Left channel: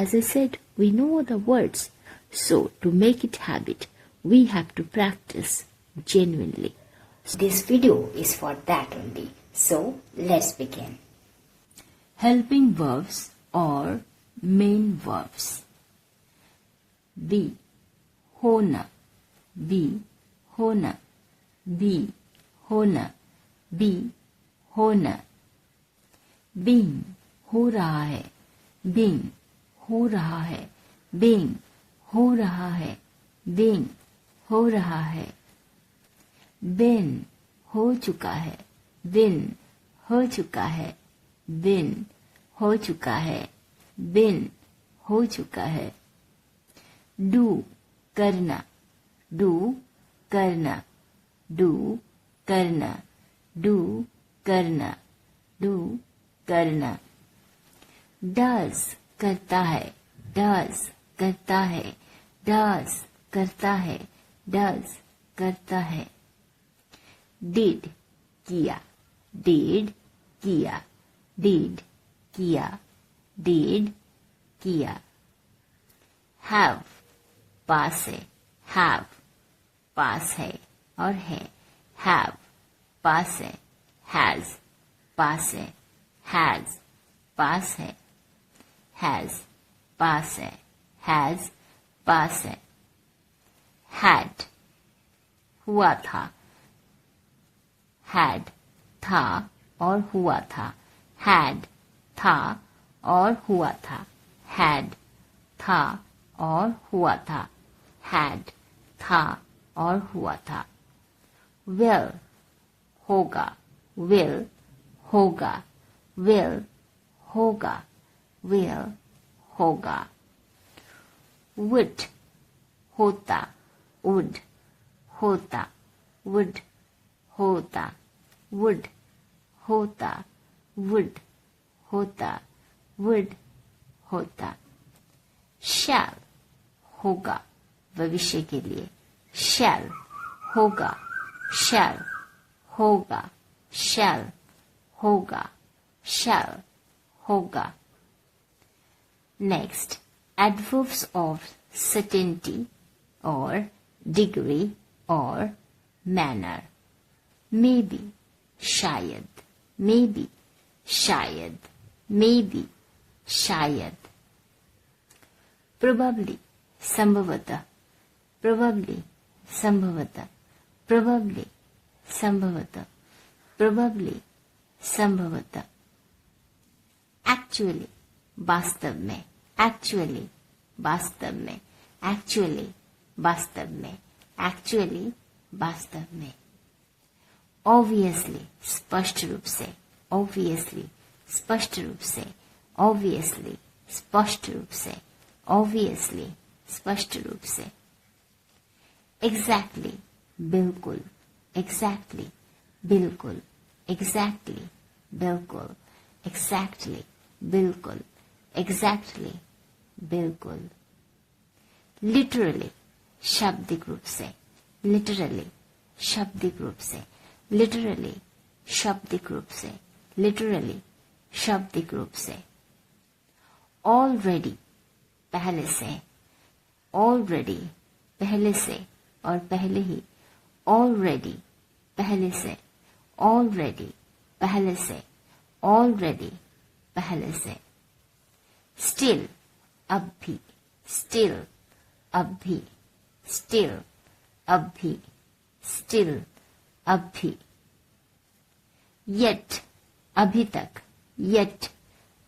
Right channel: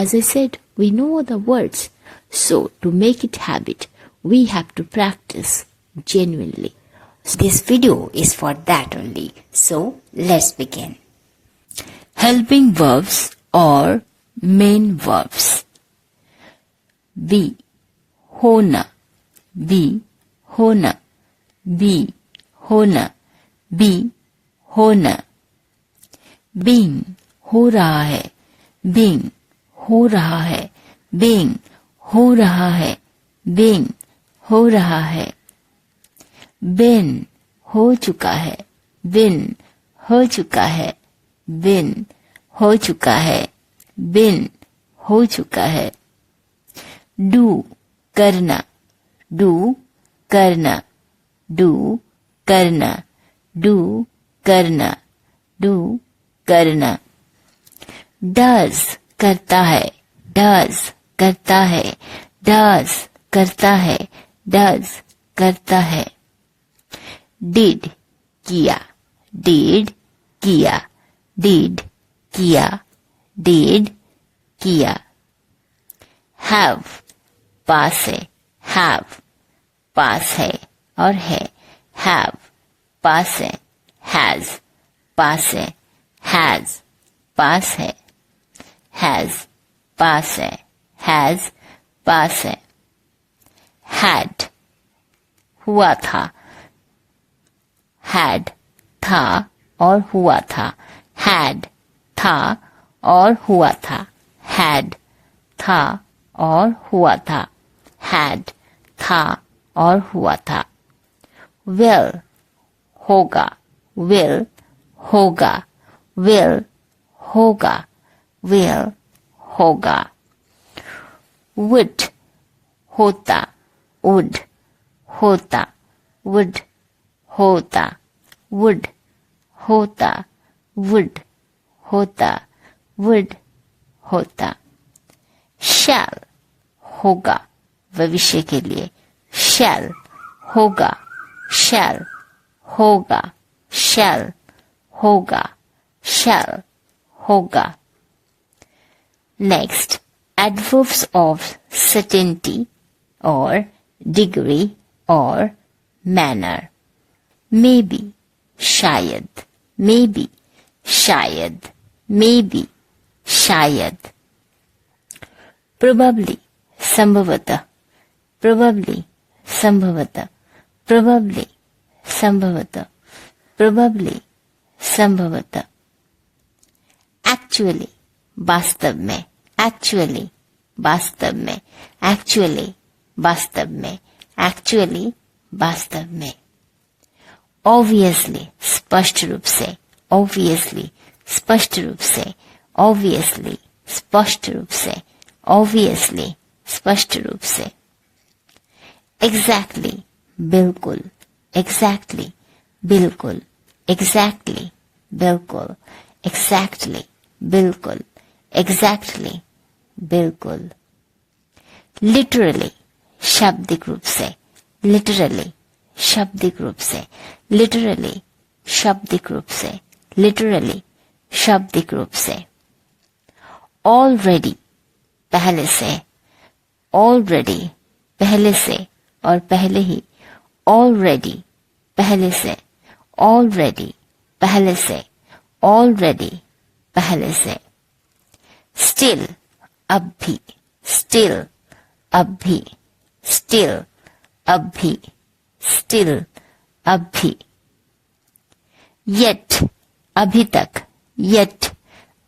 As I said, we know the words. So to make it habit, we have to practice genuinely. This video is for that only. So let's begin. Helping verbs or main verbs. Be, होना, be, होना, be, होना, be, होना. Being, हो रहा है, being, हो रहा है, being, हो रहा है, being, हो रहा है. Been, हो चुका है, been, हो चुका है, been, हो चुका है, been, हो चुका है. Do, करना, do, करना, do, करना, do, करना, do, करना. Does, करता है, does, करता है, does, करता है, does, करता है. Did, किया, did, किया, did, किया, did, किया. Have, पास है, have, पास है और है, have, पास है, has, पास है, has, पास है, has, पास है, has, पास है. Had, हुआ था, had, था और हुआ था, had, था और हुआ था, had, था और हुआ था, had, था और हुआ था. Will, होगा, will, होगा, will, होगा, will, होगा. Would, होता, would, होता, would, होता, would, होता, would, होता, would, होता. Shall, होगा, भविष्य के लिए, shall, होगा, shall, होगा, shall, होगा, shall, होगा. Next, adverbs of certainty or degree or manner. Maybe, शायद, maybe, शायद, maybe, शायद. Probably, संभवतः, probably, संभवतः, probably, संभवतः, probably, संभवतः. Actually, वास्तव में, actually, वास्तव में, actually, वास्तव में, actually, वास्तव में. Obviously, स्पष्ट रूप से, obviously, स्पष्ट रूप से, obviously, स्पष्ट रूप से, obviously, स्पष्ट रूप से. Exactly, बिल्कुल, exactly, बिल्कुल, exactly, बिल्कुल, exactly, बिल्कुल, exactly, बिल्कुल. Literally, शाब्दिक रूप से, literally, शाब्दिक रूप से, literally, शाब्दिक रूप से, literally, शाब्दिक रूप से. Already, पहले से, already, पहले से और पहले ही, already, पहले से, already, पहले से, already, पहले से. Still, अब भी, still, अब भी, still, अब भी, still, अब भी. Yet, अभी तक, yet,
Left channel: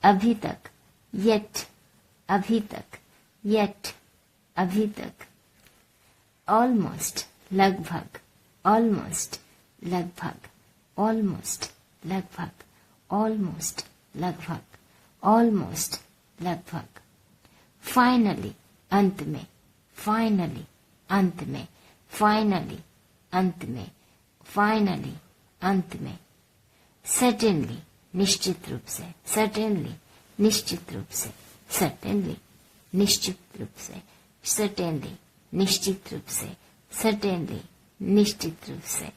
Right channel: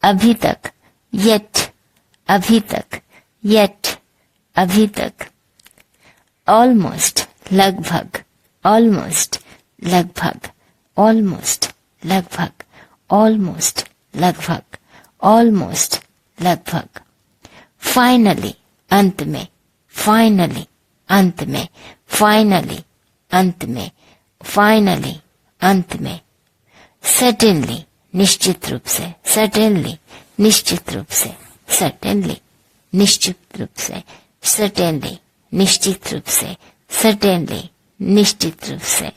अभी तक, yet, अभी तक, yet, अभी तक. Almost, लगभग, almost, लगभग, almost, लगभग, almost, लगभग, almost, लगभग. Finally, अंत में, finally, अंत में, finally, अंत में, finally, अंत में. Certainly, निश्चित रूप से, certainly, निश्चित रूप से, certainly, निश्चित रूप से, certainly, निश्चित रूप से, certainly, निश्चित रूप से.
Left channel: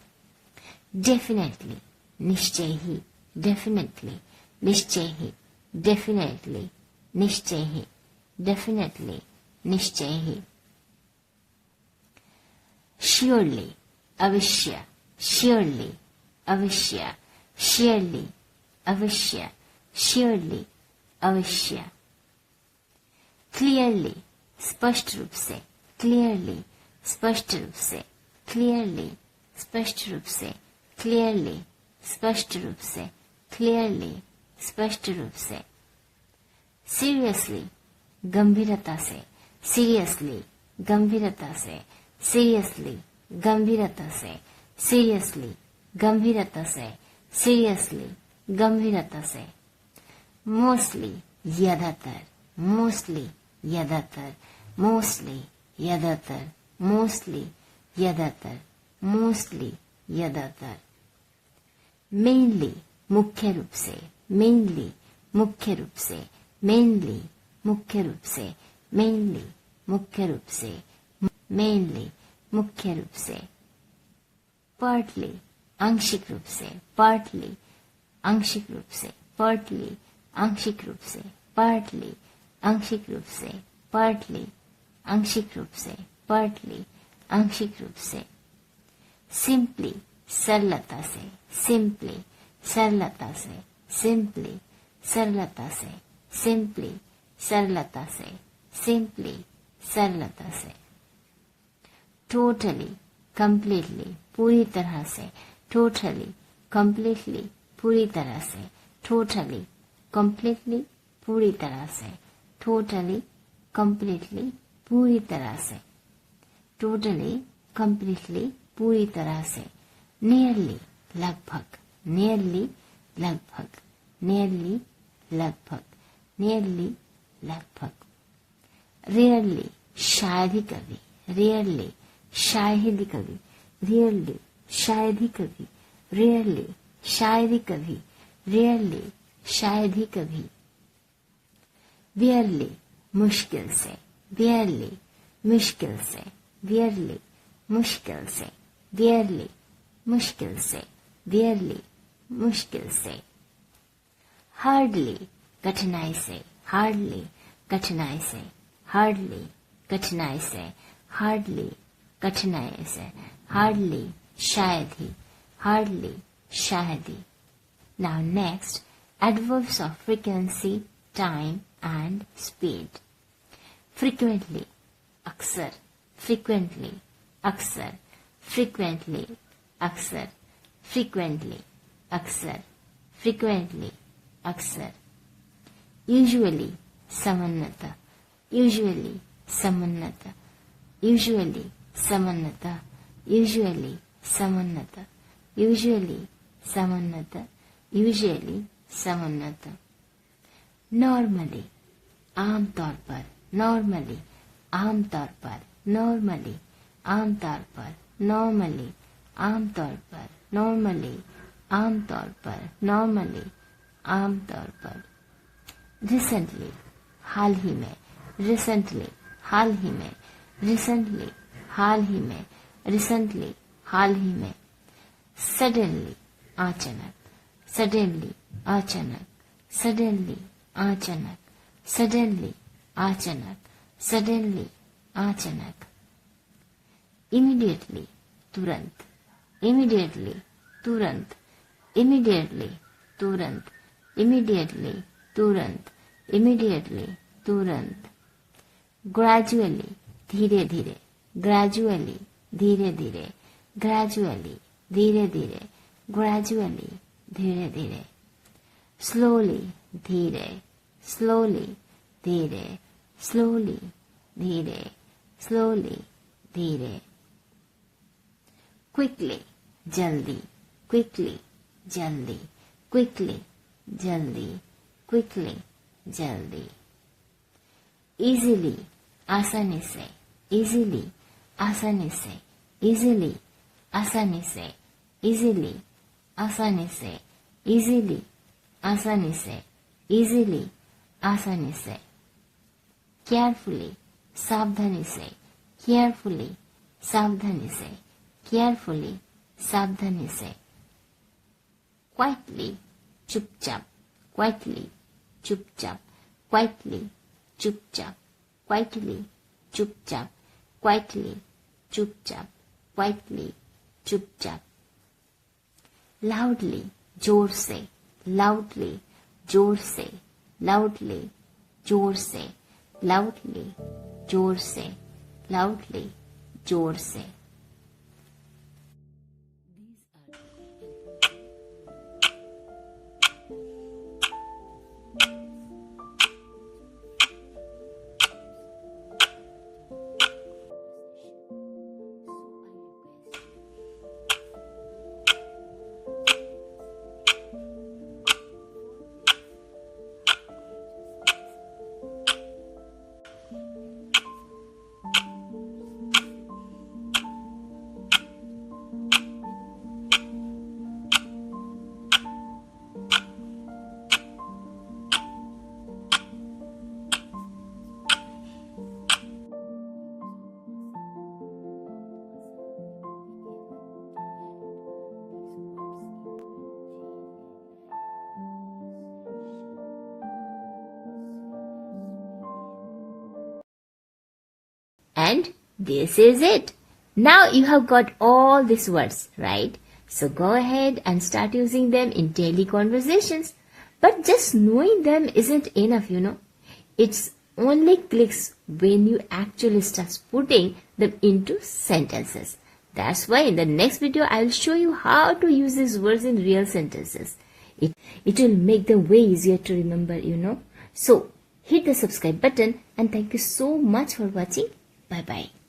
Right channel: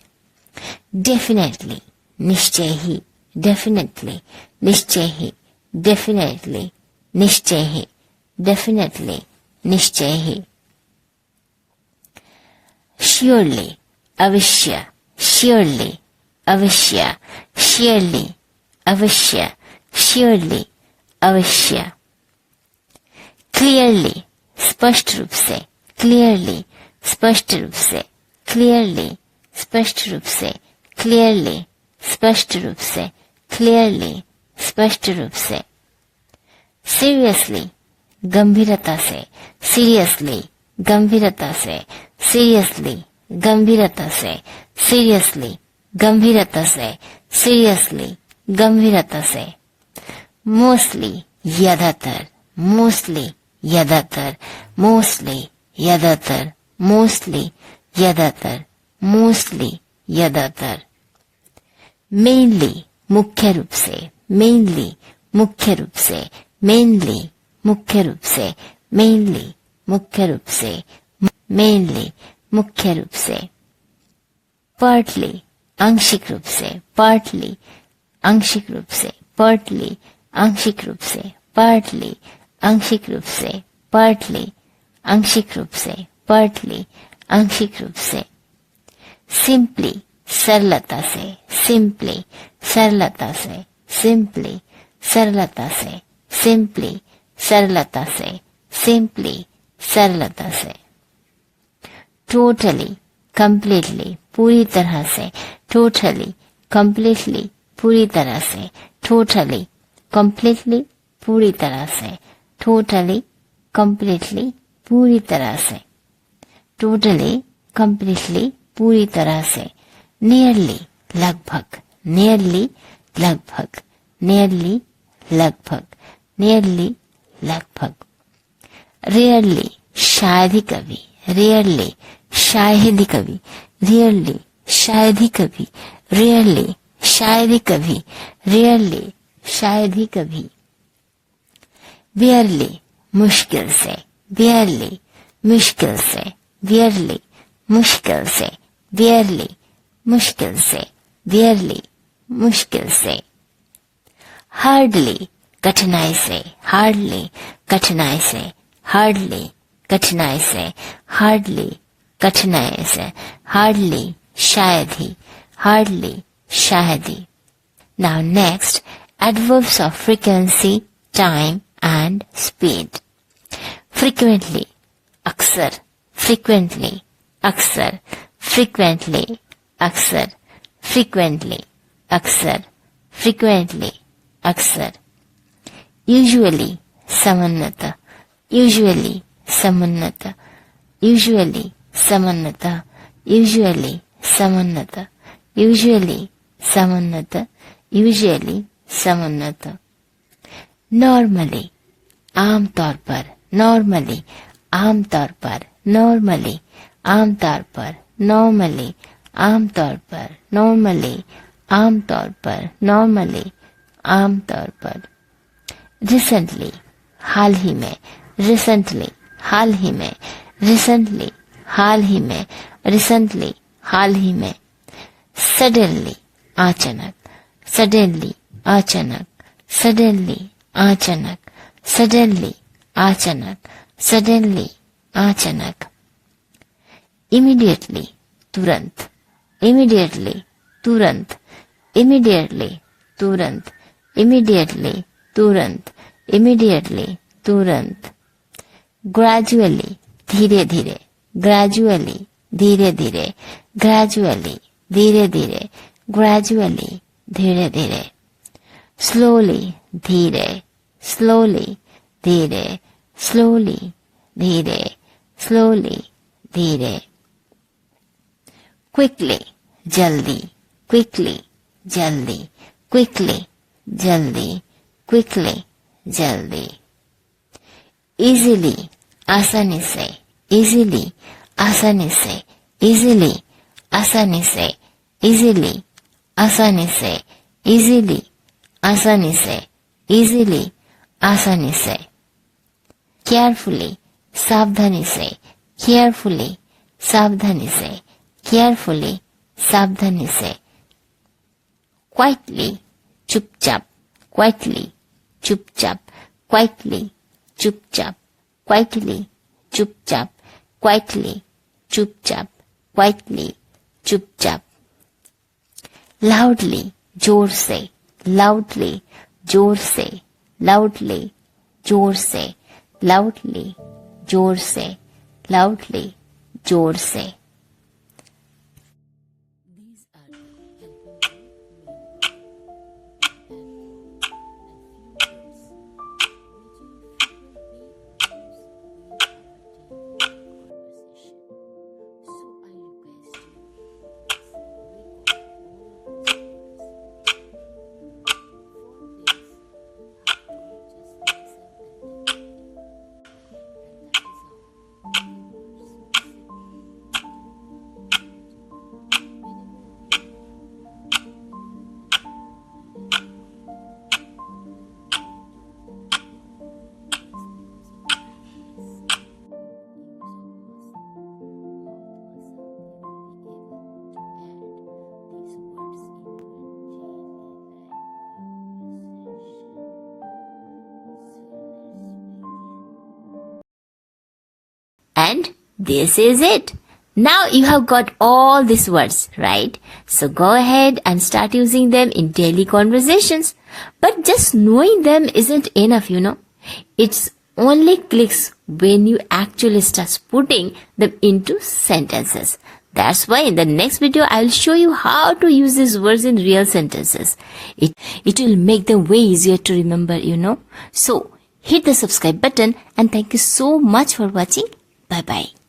Definitely, निश्चय ही, definitely, निश्चय ही, definitely, निश्चय ही, definitely, निश्चय ही. Surely, अवश्य, surely, अवश्य, surely, अवश्य, surely, अवश्य. Clearly, स्पष्ट रूप से, clearly, स्पष्ट रूप से, clearly, स्पष्ट रूप से, clearly, स्पष्ट रूप से, clearly, स्पष्ट रूप से. Seriously, गंभीरता से, seriously, गंभीरता से, seriously, गंभीरता से, seriously, गंभीरता से, seriously, गंभीरता से. Mostly, ज्यादातर, mostly, ज्यादातर, mostly, ज्यादातर, mostly, ज्यादातर, mostly, ज्यादातर. Mainly, मुख्य रूप से, mainly, मुख्य रूप से, mainly, मुख्य रूप से, mainly, मुख्य रूप से, mainly, मुख्य रूप से. Partly, आंशिक रूप से, partly, आंशिक रूप से, partly, आंशिक रूप से, partly, आंशिक रूप से, partly, आंशिक रूप से, partly, आंशिक रूप से. Simply, सरलता से, simply, सरलता से, simply, सरलता से, simply, सरलता से, simply, सरलता से. Totally, completely, पूरी तरह से, totally, completely, पूरी तरह से, totally, completely, पूरी तरह से, totally, completely, पूरी तरह से, totally, completely, पूरी तरह से. Nearly, लगभग, nearly, लगभग, nearly, लगभग, nearly, लगभग. Rarely, शायद ही कभी, rarely, शायद ही कभी, rarely, शायद ही कभी, rarely, शायद ही कभी, rarely, शायद ही कभी. Barely, मुश्किल से, barely, मुश्किल से, barely, मुश्किल से, barely, मुश्किल से, barely, मुश्किल से. Hardly, कठिनाई से, hardly, कठिनाई से, hardly, कठिनाई से, hardly, कठिनाई से, hardly, शायद ही, hardly, शायद ही. Now next, adverbs of frequency, time and speed. Frequently, अक्सर, frequently, अक्सर, frequently, अक्सर, frequently, अक्सर, frequently, अक्सर. Usually, सामान्यतः, usually, सामान्यतः, usually, सामान्यतः, usually, सामान्यतः, usually, सामान्यतः, usually, सामान्यतः. Normally, आमतौर पर, normally, आमतौर पर, normally, आमतौर पर, normally, आमतौर पर, normally, आमतौर पर, normally, आमतौर पर. Recently, हाल ही में, recently, हाल ही में, recently, हाल ही में, recently, हाल ही में. Suddenly, अचानक, suddenly, अचानक, suddenly, अचानक, suddenly, अचानक, suddenly, अचानक. Immediately, तुरंत, immediately, तुरंत, immediately, तुरंत, immediately, तुरंत, immediately, तुरंत. Gradually, धीरे धीरे, gradually, धीरे धीरे, gradually, धीरे धीरे, gradually, धीरे धीरे. Slowly, धीरे, slowly, धीरे, slowly, धीरे, slowly, धीरे. Quickly, जल्दी, quickly, जल्दी, quickly, जल्दी, quickly, जल्दी. Easily, आसानी से, easily, आसानी से, easily, आसानी से, easily, आसानी से, easily, आसानी से, easily, आसानी से. Carefully, सावधानी से, carefully, सावधानी से, carefully, सावधानी से. Quietly, चुपचाप, quietly, चुपचाप, quietly, चुपचाप, quietly, चुपचाप, quietly, चुपचाप, quietly, चुपचाप. Loudly, जोर से, loudly, जोर से, loudly, जोर से, loudly, जोर से, loudly, जोर से. And this is it. Now you have got all these words, right? So go ahead and start using them in daily conversations. But just knowing them isn't enough, It's only clicks when you actually start putting them into sentences. That's why in the next video, I'll show you how to use these words in real sentences. It will make them way easier to remember, So hit the subscribe button and thank you so much for watching. Bye-bye.